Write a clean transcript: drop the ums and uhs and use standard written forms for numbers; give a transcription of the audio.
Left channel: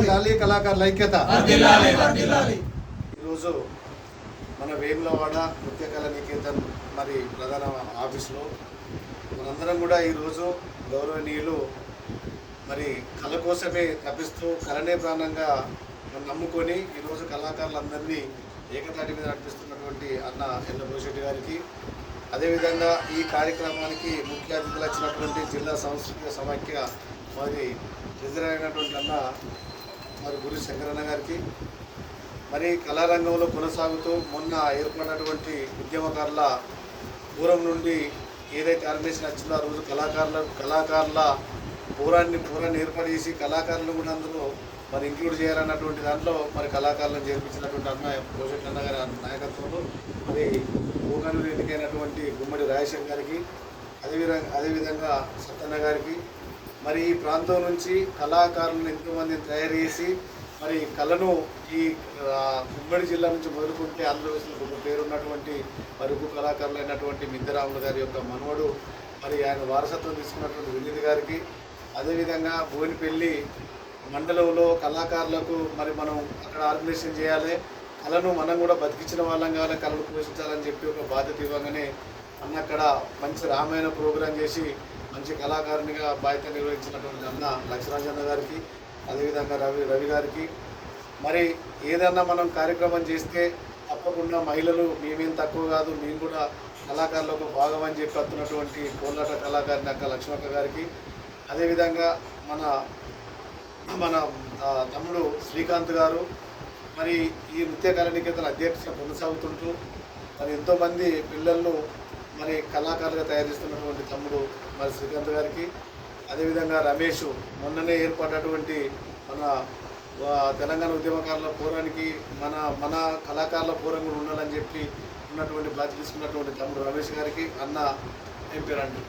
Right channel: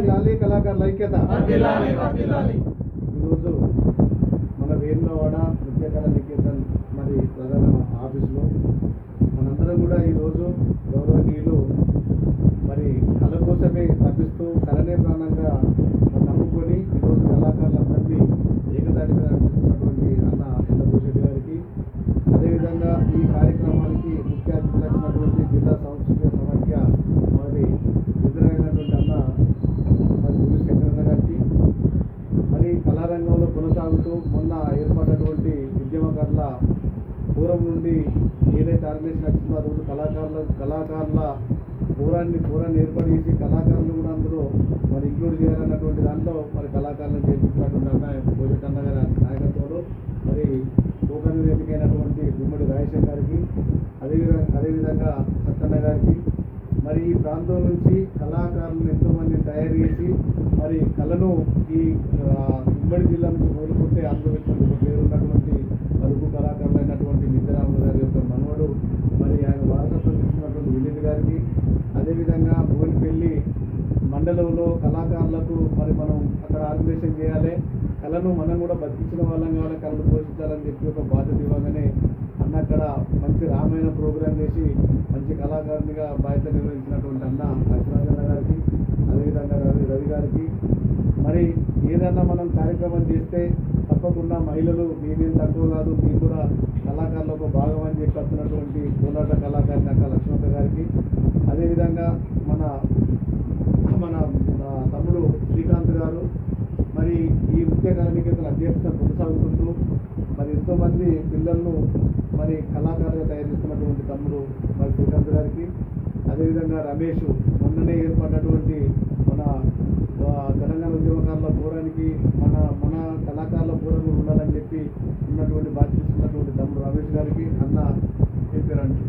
వర్ధిల్లాలి కళాకారుల ఐక్యత ఈరోజు మన వేములవాడ నృత్య కళా నికేతన్ మరి ప్రధాన ఆఫీసులో మనందరం కూడా ఈరోజు గౌరవనీయులు మరి కళ కోసమే తప్పిస్తూ కళనే ప్రాణంగా నమ్ముకొని ఈరోజు కళాకారులందరినీ ఏకతాటి మీద నడిపిస్తున్నటువంటి అన్న ఎల్లభూషెట్టి గారికి, అదేవిధంగా ఈ కార్యక్రమానికి ముఖ్య అతిథులు వచ్చినటువంటి జిల్లా సాంస్కృతిక సమాఖ్య మరి రిజరైనటువంటి అన్న మరి గురి శంకరన్న గారికి, మరి కళారంగంలో కొనసాగుతూ మొన్న ఏర్పడినటువంటి ఉద్యమకారుల పూర్వం నుండి ఏదైతే ఆర్గనైజేషన్ వచ్చిందో ఆ రోజు కళాకారుల పూరాన్ని ఏర్పాటు చేసి కళాకారులు కూడా అందులో మరి ఇంక్లూడ్ చేయాలన్నటువంటి దాంట్లో మరి కళాకారులను చేర్పించినటువంటి అన్న భూషెట్టి అన్న గారి నాయకత్వంలో మరి ఓకన్లు ఎన్నికైనటువంటి గుమ్మడి రాజశేఖర్ గారికి, అదేవిధంగా సత్తన్న గారికి, మరి ఈ ప్రాంతం నుంచి కళాకారులను ఎంతోమందిని తయారు చేసి మరి కళను ఈ ఉమ్మడి జిల్లా నుంచి మొదలుకుంటే ఆంధ్రప్రదేశ్లో పేరున్నటువంటి మరి ఉప్పు కళాకారులైనటువంటి మిద్దరాములు గారి యొక్క మనవడు మరి ఆయన వారసత్వం తీసుకున్నటువంటి వినీత్ గారికి, అదేవిధంగా బోయినపల్లి మండలంలో కళాకారులకు మరి మనం అక్కడ ఆర్గనైజేషన్ చేయాలి, కళను మనం కూడా బతికించిన వాళ్ళం కావాలి, కళను పోషించాలని చెప్పి ఒక బాధ్యత ఇవ్వగానే అన్న అక్కడ మంచి రామాయణ ప్రోగ్రాం చేసి మంచి కళాకారునిగా బాధ్యత నిర్వహించినటువంటి అన్న లక్ష్మరాజన్న గారికి, అదేవిధంగా రవి గారికి, మరి ఏదన్నా మనం కార్యక్రమం చేస్తే తప్పకుండా మహిళలు మేమేం తక్కువ కాదు, మీరు కూడా కళాకారులు ఒక భాగం అని చెప్పి వస్తున్నటువంటి కోలాట కళాకారిని అక్క లక్ష్మక్క గారికి, అదేవిధంగా మన తమ్ముడు శ్రీకాంత్ గారు మరి ఈ నృత్య కళా నికేతన్ అధ్యక్షుడిగా కొనసాగుతుంటూ మరి ఎంతోమంది పిల్లలను మరి కళాకారులుగా తయారు చేస్తున్నటువంటి తమ్ముడు మరి శ్రీకాంత్ గారికి, అదేవిధంగా రమేష్ మొన్ననే ఏర్పడినటువంటి మన తెలంగాణ ఉద్యమకారుల పూరానికి మన కళాకారుల పూరం కూడా ఉండాలని చెప్పి ఉన్నటువంటి బాధ్యత తీసుకున్నటువంటి తమ్ముడు రమేష్ గారికి అన్న ఏం పేరు అంటే